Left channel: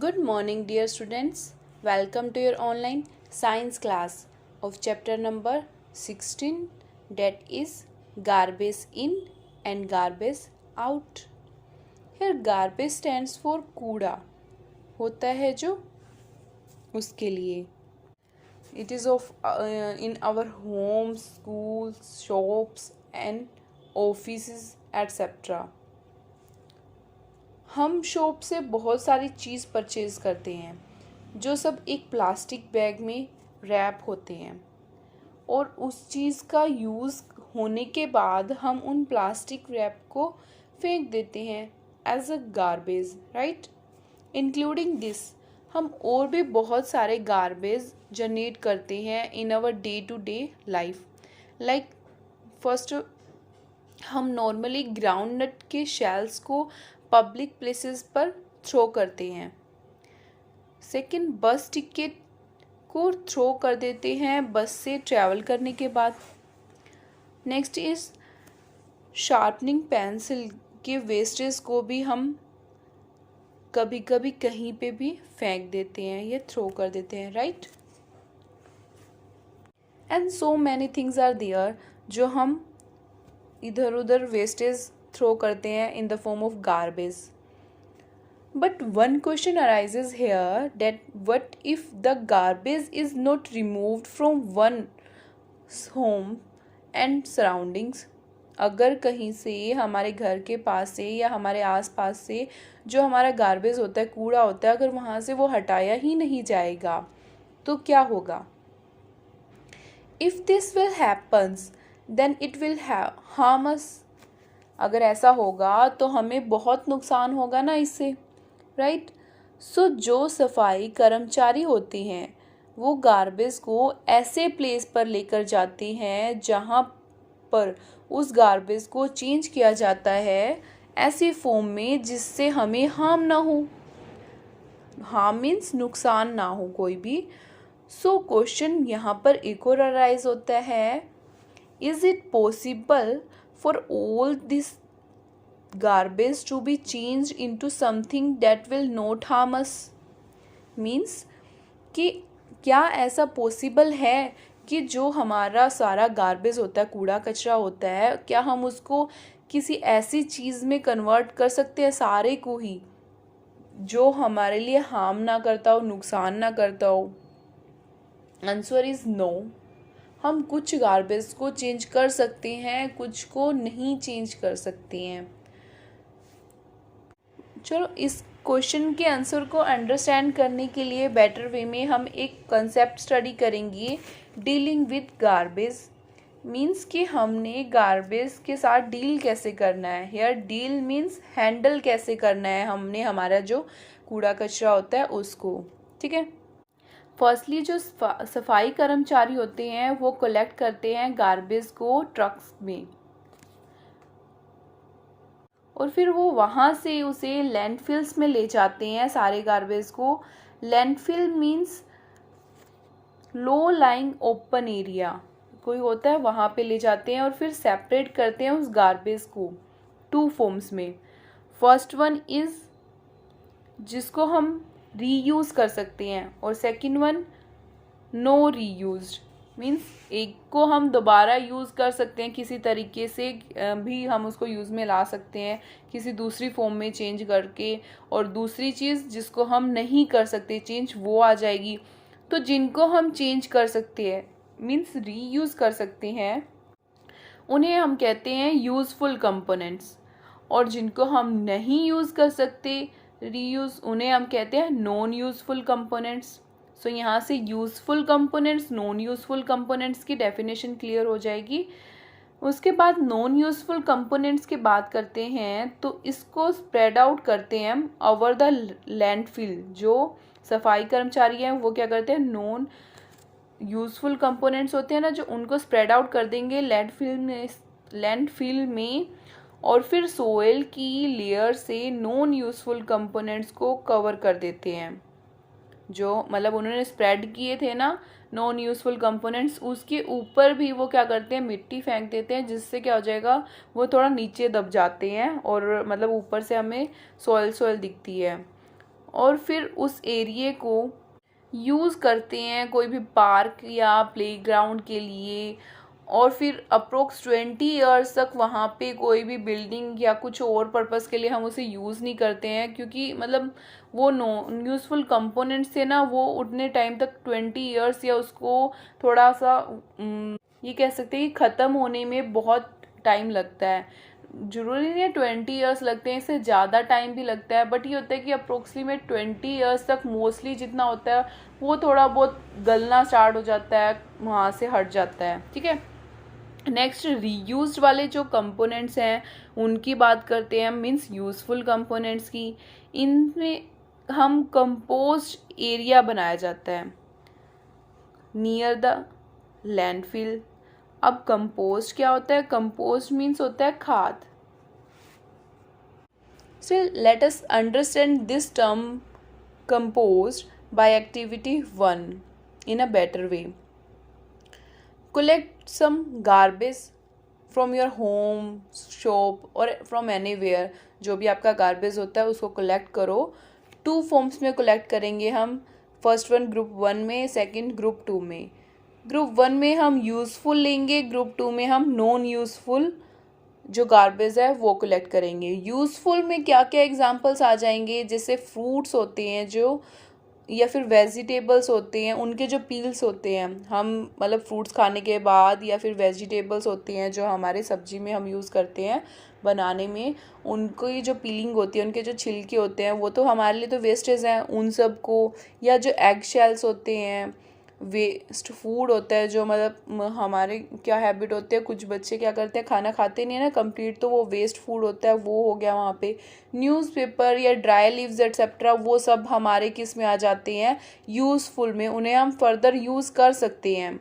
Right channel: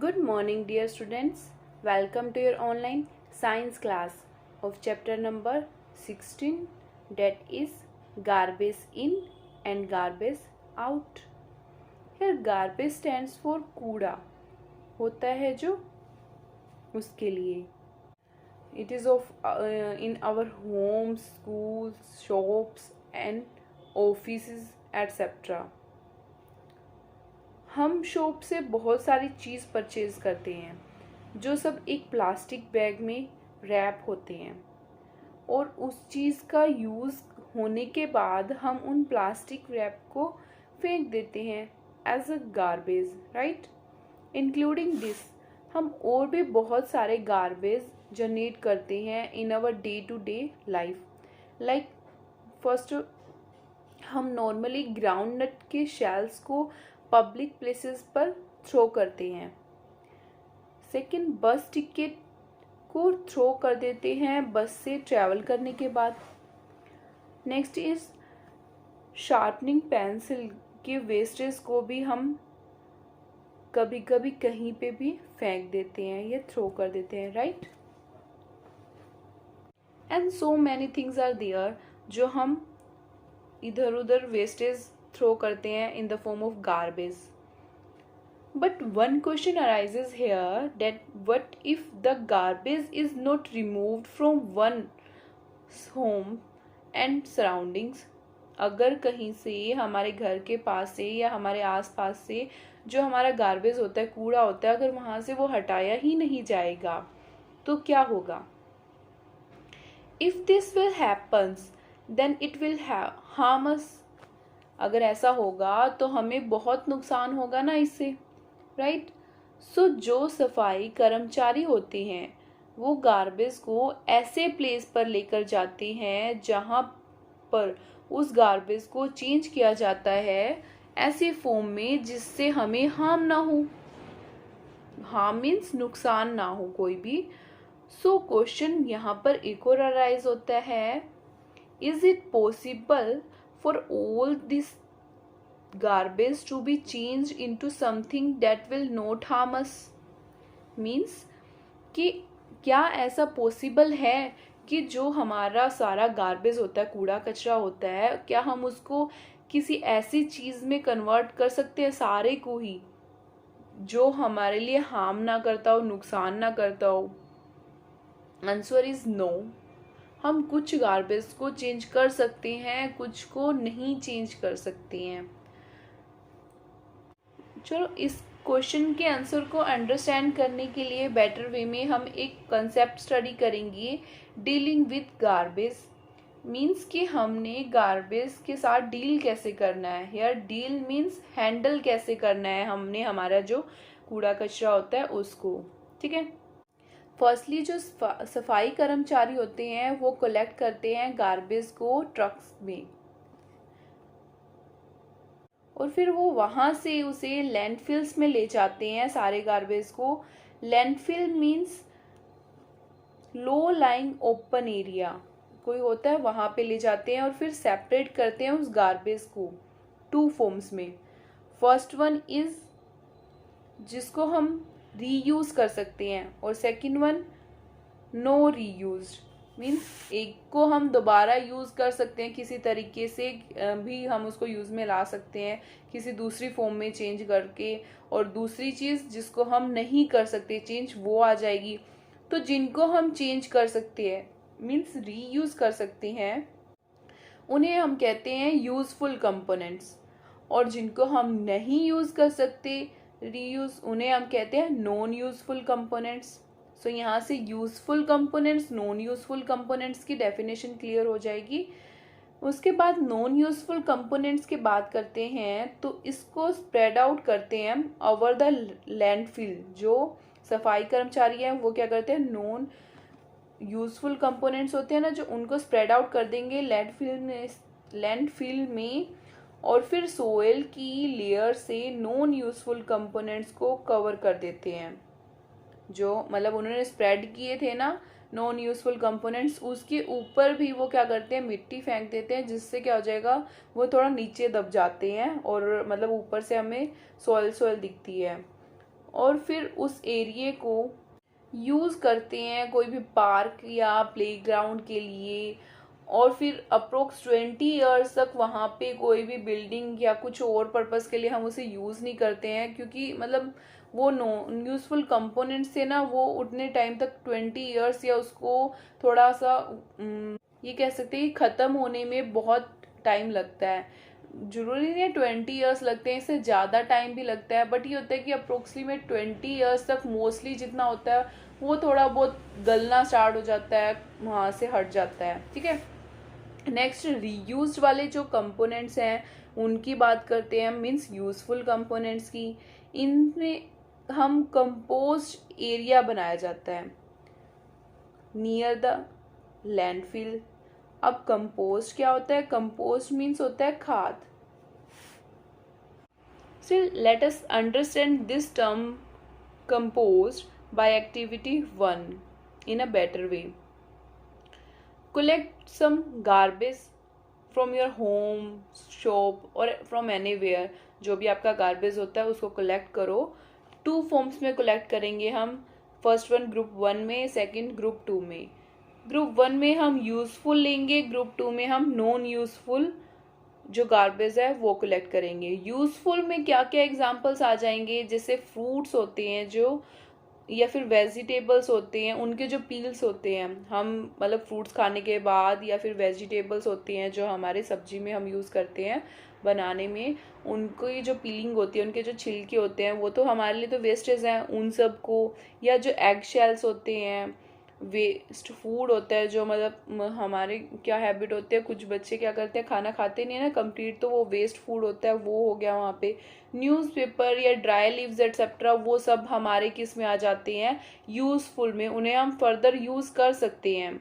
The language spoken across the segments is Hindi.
Good morning, dear students. Welcome to your online science class of chapter number 16, that is garbage in and garbage out. Here, garbage stands for कूड़ा होता है जो उसके लिए. It is of in our homes, schools, shops and offices etc. हम शॉप से बहुत सारी चीज़ परचेज़ करते हैं जो सब एक प्लास्टिक बैग में रैप होते हैं और उस चीज़ का यूज़ होने के बाद हम उन प्लास्टिक रैप को फेंक देते हैं as a garbage, right. Including this हम और भी बहुत सारे गार्बेज जनरेट करते हैं in our day to day life. Like first, हम नॉर्मली ग्राउंड नट के शेल्स को पब्लिक प्लेसेस पर थ्रो करते हैं. सेकंड, बस टिकट को थ्रो कर देते हैं बस से ट्रैवल करने के बाद. नेक्स्ट इज शार्पनिंग पेंसिल के वेस्टेज को भी हम कभी कभी कहीं पे भी फेंक देते हैं या थ्रो कर देते हैं, right. And so many things are there जो हम इधर उधर वेस्टेज थ्रो करते हैं in the form of garbage. But one question arises here that what if the garbage is not removed from one home and surroundings. अगर कहीं से हमारे घर के पास से या हमारे आसपास से जो हमारा गार्बेज होता है, कूड़ा होता है, अगर वहाँ से वो हटाया ही नहीं जाएगा तो क्या होगा. If this will happens then it will harm us. अगर ऐसा होगा तो हमें बहुत नुकसान होगा ना इससे, राइट. सो जो सफाई कर्मचारी होते हैं वो गार्बेज को ऐसे प्लेस पर लेकर जाते हैं जहाँ पर उस गार्बेज को चेंज किया जाता है ऐसी फॉर्म में जिससे हमें हार्म ना हो. हार्म मीन्स नुकसान ना हो कोई भी. सो क्वेश्चन यहाँ पर एक और अराइज होता है, is it possible for all this garbage to be changed into something that will not harm us. Means कि क्या ऐसा पॉसिबल है कि जो हमारा सारा गार्बेज होता है, कूड़ा कचरा होता है, क्या हम उसको किसी ऐसी चीज़ में कन्वर्ट कर सकते हैं सारे को ही जो हमारे लिए हार्म ना करता हो, नुकसान ना करता हो. Answer is no. हम कुछ गार्बेज को चेंज कर सकते हैं, कुछ को नहीं चेंज कर सकते हैं. चलो इस क्वेश्चन के आंसर को अंडरस्टैंड करने के लिए बेटर वे में हम एक कंसेप्ट स्टडी करेंगे, डीलिंग विथ गार्बेज. मीन्स कि हमने गार्बेज के साथ डील कैसे करना है. हियर डील मीन्स हैंडल कैसे करना है हमने हमारा जो कूड़ा कचरा होता है उसको, ठीक है. फर्स्टली जो सफाई कर्मचारी होते हैं वो कलेक्ट करते हैं गार्बेज को ट्रक्स में और फिर वो वहाँ से उसे लैंडफिल्स में ले जाते हैं सारे गार्बेज को. Landfill means low lying open area कोई होता है, वहाँ पे ले जाते हैं और फिर सेपरेट करते हैं उस गार्बेज को टू फॉर्म्स में. फर्स्ट वन इज जिसको हम रीयूज कर सकते हैं और second one no reuse. Means एक को हम दोबारा यूज़ कर सकते हैं, किसी तरीके से भी हम उसको यूज़ में ला सकते हैं किसी दूसरी फॉर्म में चेंज करके, और दूसरी चीज़ जिसको हम नहीं कर सकते चेंज वो आ जाएगी. तो जिनको हम चेंज कर सकते हैं मीन्स रीयूज़ कर सकते हैं उन्हें हम कहते हैं यूज़फुल कंपोनेंट्स, और जिनको हम नहीं यूज़ कर सकते रीयूज उन्हें हम कहते हैं नॉन यूज़फुल कंपोनेंट्स. सो यहाँ से useful components, non useful components की डेफिनेशन क्लियर हो जाएगी. उसके बाद नॉन यूज़फुल कंपोनेंट्स की बात करते हैं तो इसको स्प्रेड आउट करते हैं हम ओवर द लैंडफिल. जो सफाई कर्मचारी हैं वो क्या करते हैं, नॉन यूज़फुल कंपोनेंट्स होते हैं ना जो, उनको स्प्रेड आउट कर देंगे लैंडफिल में और फिर सोयल की लेयर से नॉन यूज़फुल कंपोनेंट्स को कवर कर देते हैं. जो मतलब उन्होंने स्प्रेड किए थे ना नॉन यूज़फुल कंपोनेंट्स, उसके ऊपर भी वो क्या करते हैं, मिट्टी फेंक देते हैं, जिससे क्या हो जाएगा वो थोड़ा नीचे दब जाते हैं और मतलब ऊपर से हमें सॉयल दिखती है. और फिर उस एरिए को यूज़ करते हैं कोई भी पार्क या प्लेग्राउंड के लिए, और फिर अप्रोक्स 20 ईयर्स तक वहाँ पे कोई भी बिल्डिंग या कुछ और पर्पस के लिए हम उसे यूज़ नहीं करते हैं, क्योंकि मतलब वो नॉन यूज़फुल कंपोनेंट्स थे ना, वो उतने टाइम तक 20 ईयर्स या उसको थोड़ा सा ये कह सकते हैं कि ख़त्म होने में बहुत टाइम लगता है। जरूरी नहीं है 20 ईयर्स लगते हैं, इससे ज़्यादा टाइम भी लगता है, बट ये होता है कि अप्रोक्सीमेट 20 ईयर्स तक मोस्टली जितना होता है वो थोड़ा बहुत गलना स्टार्ट हो जाता है, वहाँ से हट जाता है। ठीक है, नेक्स्ट रीयूज्ड वाले जो कंपोनेंट्स हैं उनकी बात करते हैं, मीन्स यूजफुल कंपोनेंट्स की। इनमें हम कंपोस्ट एरिया बनाया जाता है नियर द लैंडफिल। अब कंपोस्ट क्या होता है? कंपोस्ट मीन्स होता है खाद। So let us understand this term compost by activity 1 in a better way. Collect some garbage from your home, shop or from anywhere. जो भी आपका गार्बेज होता है उसको कलेक्ट करो। 2 फॉर्म्स में कलेक्ट करेंगे हम। फर्स्ट वन ग्रुप 1 में, सेकंड ग्रुप 2 में। ग्रुप 1 में हम यूज़फुल लेंगे, ग्रुप 2 में हम नॉन यूज़फुल जो गार्बेज है वो कलेक्ट करेंगे। यूज़फुल में क्या क्या एग्जांपल्स आ जाएंगे, जैसे फ्रूट्स होते हैं जो, या फिर वेजिटेबल्स होते हैं उनके जो पील्स होते हैं, हम मतलब फ्रूट्स खाने के बाद, या फिर वेजिटेबल्स होती हैं जो हमारे सब्जी में हम यूज़ करते हैं बनाने में, उनकी जो पीलिंग होती है, उनके जो छिलके होते हैं वो तो हमारे लिए तो वेस्टेज हैं, उन सब को। या जो एग शेल्स होते हैं, वेस्ट फूड होता है जो मतलब हमारे क्या हैबिट होते हैं, कुछ बच्चे क्या करते हैं खाना खाते नहीं है ना कंप्लीट, तो वो वेस्ट फूड होता है, वो हो गया वहाँ पे। न्यूज़पेपर या ड्राई लीव्स एट्सेट्रा वो सब हमारे किस में आ जाते हैं? यूज़फुल में, उन्हें हम फर्दर यूज़ कर सकते हैं।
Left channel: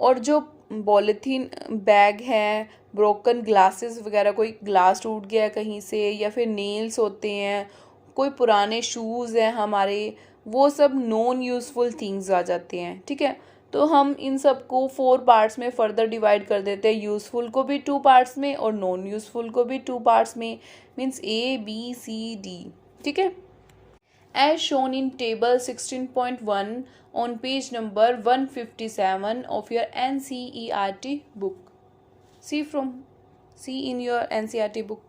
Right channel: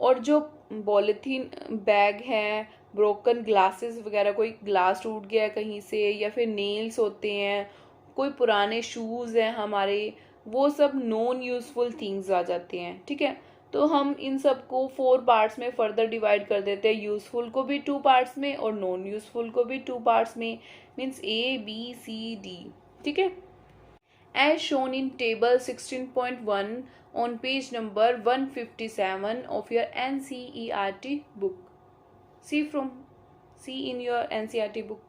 और जो पॉलीथीन बैग है, ब्रोकन ग्लासेस वगैरह, कोई ग्लास टूट गया कहीं से, या फिर नेल्स होते हैं, कोई पुराने शूज़ हैं हमारे, वो सब नॉन यूज़फुल थिंग्स आ जाते हैं। ठीक है, तो हम इन सब को 4 पार्ट्स में फर्दर डिवाइड कर देते हैं, यूज़फुल को भी 2 पार्ट्स में और नॉन यूज़फुल को भी 2 पार्ट्स में, मीन्स ABCD। ठीक है, as shown in table 16.1 on page number 157 of your NCERT book. See in your NCERT book.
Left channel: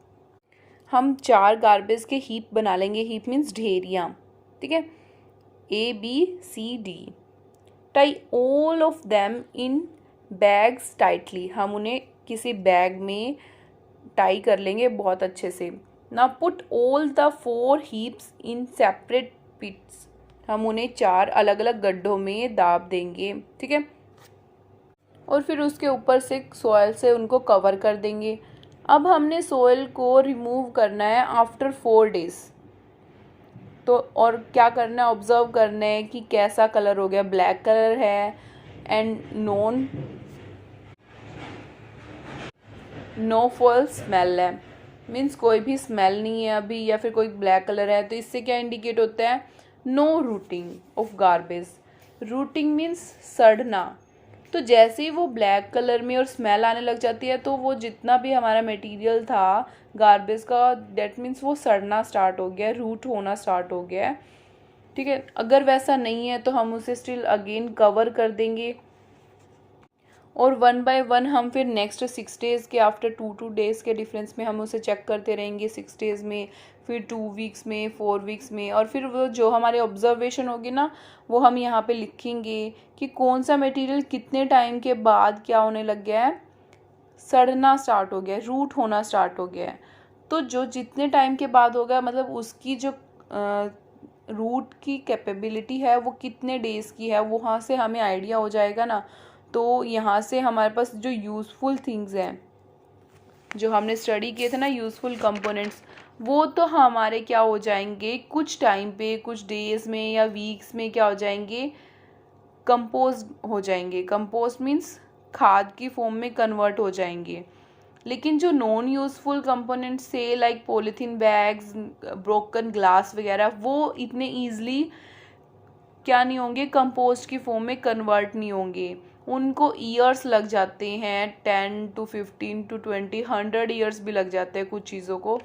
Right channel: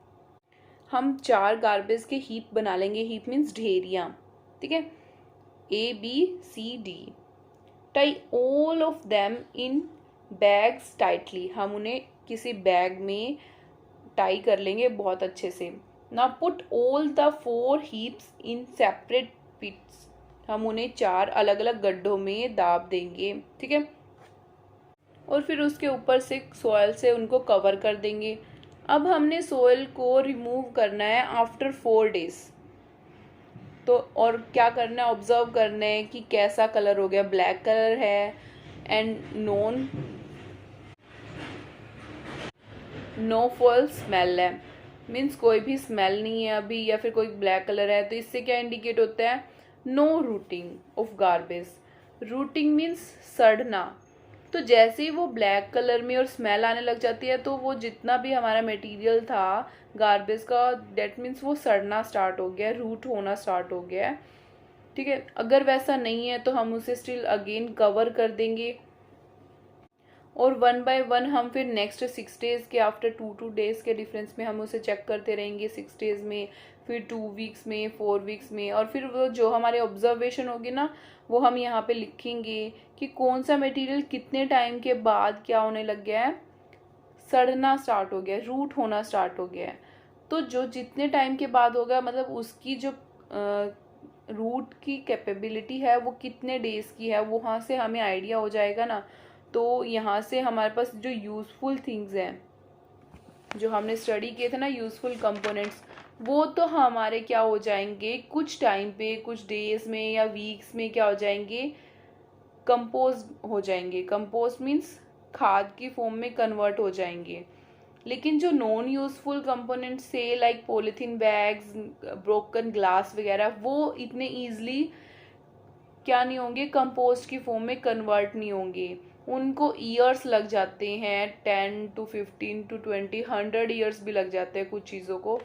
हम 4 गार्बेज के हीप बना लेंगे। हीप मीन्स ढेरियाँ। ठीक है, ABCD। Tie all of them in bags tightly. हम उन्हें किसी बैग में टाई कर लेंगे बहुत अच्छे से। Now put all the 4 heaps in separate pits. हम उन्हें 4 अलग अलग गड्ढों में दाब देंगे। ठीक है, और फिर उसके ऊपर से सॉइल से उनको कवर कर देंगे। अब हमने सॉइल को रिमूव करना है आफ्टर 4 डेज। तो और क्या करना है? ऑब्जर्व करना है कि कैसा कलर हो गया, ब्लैक कलर है एंड नो फॉल स्मेल है, मीन्स कोई भी स्मेल नहीं है अभी, या फिर कोई ब्लैक कलर है, तो इससे क्या इंडिकेट होता है? No rotting of garbage. Rotting means सड़ना। तो जैसे ही वो ब्लैक कलर में और स्मेल आने लग जाती है, तो वो जितना भी हमारा मटेरियल था गार्बेज का, दैट मीन्स वो सड़ना स्टार्ट हो गया, रूट होना स्टार्ट हो गया है। ठीक है, अगर वैसा नहीं है तो हम उसे स्टिल अगेन कवर कर देंगे, और 1 बाय 1 हम फिर नेक्स्ट 6 डेज़ के आफ्टर 2 डेज़ के डिफरेंस में हम उसे चेक करते रहेंगे। 6 डेज़ में, फिर 2 वीक्स में, 4 वीक्स में, और फिर वो जो हमारे ऑब्जर्वेशन होगी ना, वो हम यहाँ पे लिखेंगे कि कौन सा मटेरियल कितने टाइम के बाद क्या होने लग गया है? सड़ना स्टार्ट हो गया है, रूट होना स्टार्ट हो गया है। तो जो जितने टाइम के बाद होगा, मतलब उसकी जो रूट की कैपेबिलिटी है वो कितने डेज़ की है, वहाँ से हमें आइडिया हो जाएगा ना। तो यहाँ से हमारे पास जो यूज़फुल थिंग्स हैं जो हमने स्टडी किए थे ना, यूज़फुल कंपोनेंट्स, वो तो हमारे क्या हो जाएंगे कुछ टाइम पे, कुछ डेज में या वीक्स में क्या हो जाएंगे? कंपोज हो जाएंगे। कंपोज मीन्स खाद की फॉर्म में कन्वर्ट हो जाएंगे। लेकिन जो नॉन यूज़फुल कंपोनेंट्स से like polythene bags, broken glass वगैरह, वो इतने ईजिली क्या नहीं होंगे? कंपोस्ट की फॉर्म में कन्वर्ट नहीं होंगे। उनको ईयर्स लग जाते हैं, 10 to 15 to 20 100 ईयर्स भी लग जाते हैं कुछ चीज़ों को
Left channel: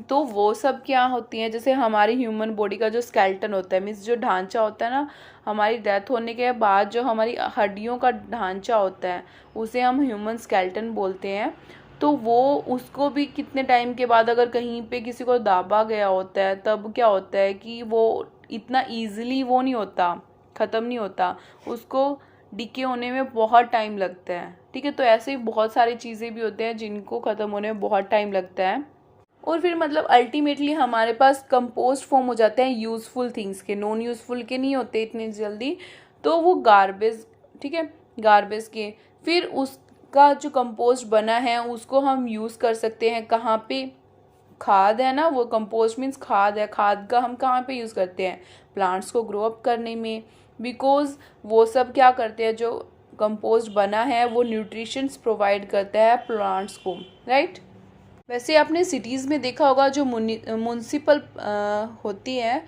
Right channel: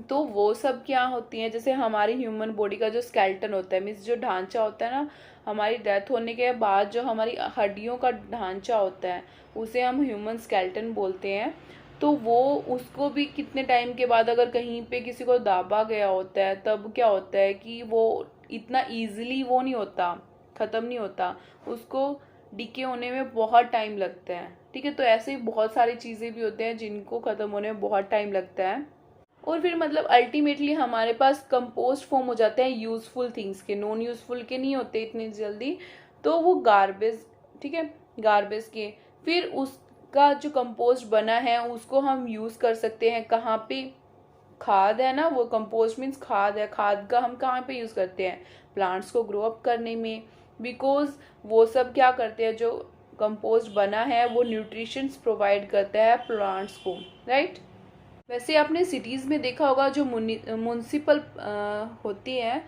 तो वो सब क्या होती हैं, जैसे हमारी ह्यूमन बॉडी का जो स्केलेटन होता है, मीन्स जो ढांचा होता है ना, हमारी डेथ होने के बाद जो हमारी हड्डियों का ढांचा होता है उसे हम ह्यूमन स्केलेटन बोलते हैं। तो वो उसको भी कितने टाइम के बाद अगर कहीं पे किसी को दाबा गया होता है तब क्या होता है कि वो इतना ईजिली वो नहीं होता, ख़त्म नहीं होता, उसको डिके होने में बहुत टाइम लगता है। ठीक है, तो ऐसे ही बहुत सारी चीज़ें भी होते हैं जिनको ख़त्म होने में बहुत टाइम लगता है। और फिर मतलब अल्टीमेटली हमारे पास कंपोस्ट फॉर्म हो जाते हैं यूज़फुल थिंग्स के, नॉन यूज़फुल के नहीं होते इतने जल्दी, तो वो गार्बेज, ठीक है, गार्बेज के। फिर उसका जो कंपोस्ट बना है उसको हम यूज़ कर सकते हैं कहाँ पे, खाद है ना, वो कंपोस्ट मीन्स खाद है, खाद का हम कहाँ पे यूज़ करते हैं, प्लांट्स को ग्रो अप करने में, बिकॉज वो सब क्या करते हैं, जो कंपोस्ट बना है वो न्यूट्रिशंस प्रोवाइड करता है प्लांट्स को, राइट। वैसे आपने सिटीज़ में देखा होगा जो म्यूनसिपल होती है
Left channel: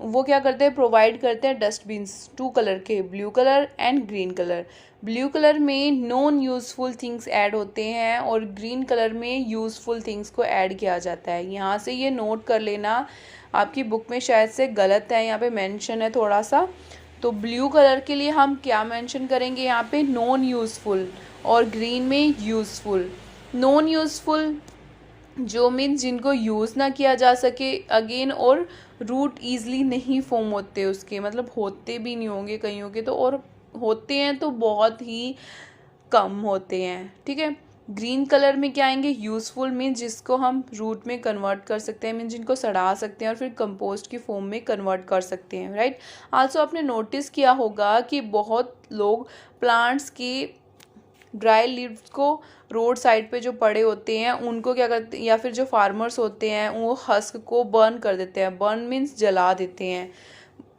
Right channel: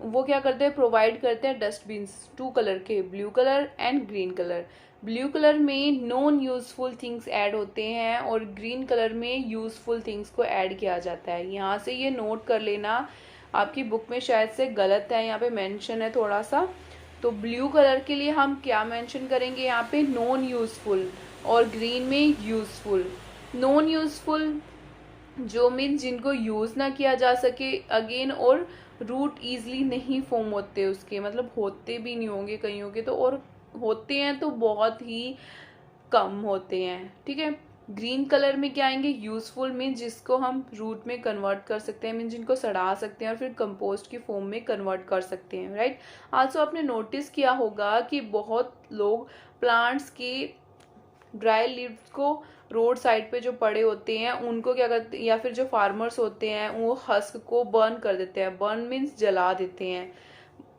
वो क्या करते हैं, प्रोवाइड करते हैं डस्टबिन्स 2 कलर के, blue colour and green colour. Blue colour में नॉन यूज़फुल थिंग्स ऐड होते हैं और ग्रीन कलर में यूज़फुल थिंग्स को ऐड किया जाता है। यहाँ से ये नोट कर लेना, आपकी बुक में शायद से गलत है, यहाँ पे मेंशन है थोड़ा सा। तो ब्लू कलर के लिए हम क्या मेंशन करेंगे यहाँ पे, नॉन यूज़फुल, और ग्रीन में यूज़फुल। नॉन यूज़फुल जो मीन्स जिनको यूज़ ना किया जा सके अगेन, और रूट ईजली नहीं फॉर्म होते उसके, मतलब होते भी नहीं होंगे कईयों के तो, और होते हैं तो बहुत ही कम होते हैं। ठीक है, ग्रीन कलर में क्या आएंगे, यूज़फुल मीन्स जिसको हम रूट में कन्वर्ट कर सकते हैं, मीन्स जिनको सड़ा सकते हैं और फिर कंपोस्ट की फॉर्म में कन्वर्ट कर सकते हैं, राइट। आल्सो आपने नोटिस किया होगा कि बहुत लोग प्लांट्स की ड्राई लीव्स को रोड साइड पे जो पड़े होते हैं उनको क्या करते हैं, या फिर जो फार्मर्स होते हैं वो हस्क को बर्न कर देते हैं, बर्न मीन्स जला देते हैं,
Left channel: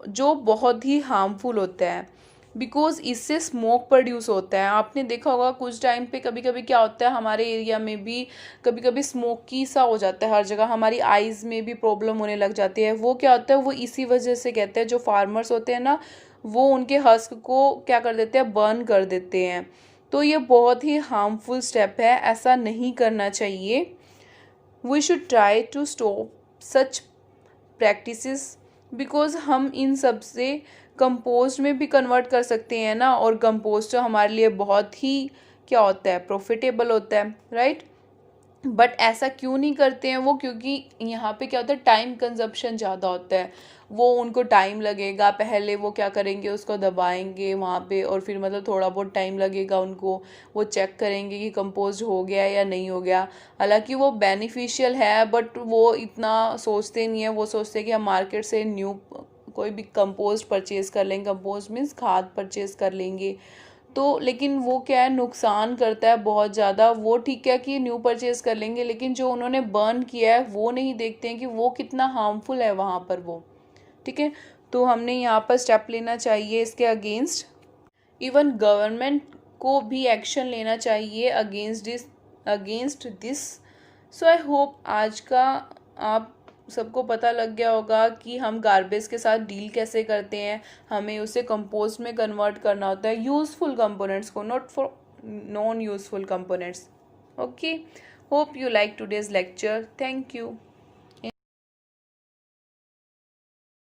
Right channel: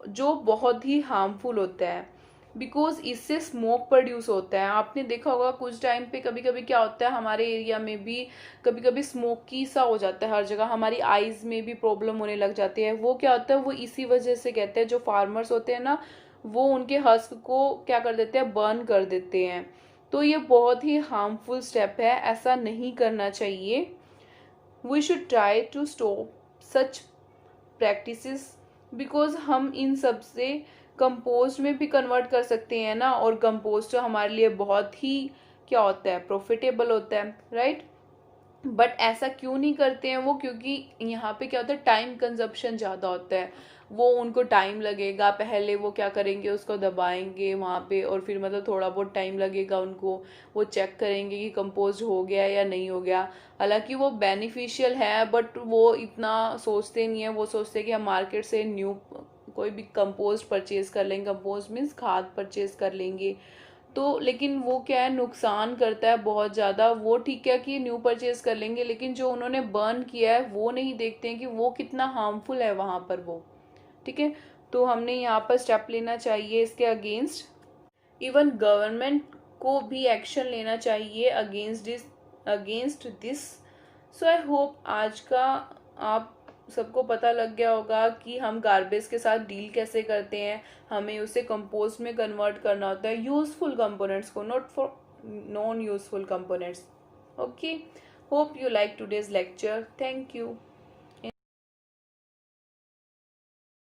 जो बहुत ही हार्मफुल होता है, बिकॉज इससे स्मोक प्रोड्यूस होता है। आपने देखा होगा कुछ टाइम पे कभी कभी क्या होता है हमारे एरिया में भी कभी कभी स्मोकी सा हो जाता है हर जगह, हमारी आइज़ में भी प्रॉब्लम होने लग जाती है। वो क्या होता है, वो इसी वजह से कहते हैं जो फार्मर्स होते हैं ना, वो उनके हस्क को क्या कर देते हैं, बर्न कर देते हैं। तो ये बहुत ही हार्मफुल स्टेप है, ऐसा नहीं करना चाहिए। We should try to stop such practices, because हम इन सब से कंपोस्ट में भी कन्वर्ट कर सकते हैं ना, और कंपोस्ट हमारे लिए बहुत ही क्या होता है, प्रॉफिटेबल होता है, राइट। बट ऐसा क्यों नहीं करते हैं वो, क्योंकि यहाँ पे क्या होता है, टाइम कंजप्शन ज़्यादा होता है, वो उनको टाइम लगेगा, पहले वो क्या करेंगे, उसको दबाएंगे वहाँ पे, और फिर मतलब थोड़ा बहुत टाइम लगेगा उनको, वो चेक करेंगे कि कंपोज हो गया या नहीं हो गया। हालांकि वो बेनिफिशियल है बट वो इतना सोचते नहीं है, वो सोचते हैं कि हम मार्केट से न्यू कोई भी कंपोस्ट परचेज़ कर लेंगे, कंपोस्ट मीन्स खाद परचेज़ कर लेंगे, तो लेकिन वो क्या है, नुकसान करता है बहुत ज़्यादा। वो ठीक है कि न्यू परचेज़ कर लेंगे, लेकिन जो उन्होंने बर्न किया है वो नहीं देखते हैं कि वो कितना हार्मफुल है वहाँ पर वो, ठीक है। तो हमने यहाँ पर स्टेप लेना चाहिए इसके अगेंस्ट, इवन गवर्नमेंट को भी एक्शन लेना चाहिए against this. So I hope आज का आप सबको पता लग गया होगा कि हम गार्बेज के साथ डील कैसे करते हैं, हमें उसे कंपोस्ट में कन्वर्ट करना होता है, यूज़फुल कंपोनेंट्स को, not for non useful components. Okay, hope you like today's lecture, thank you.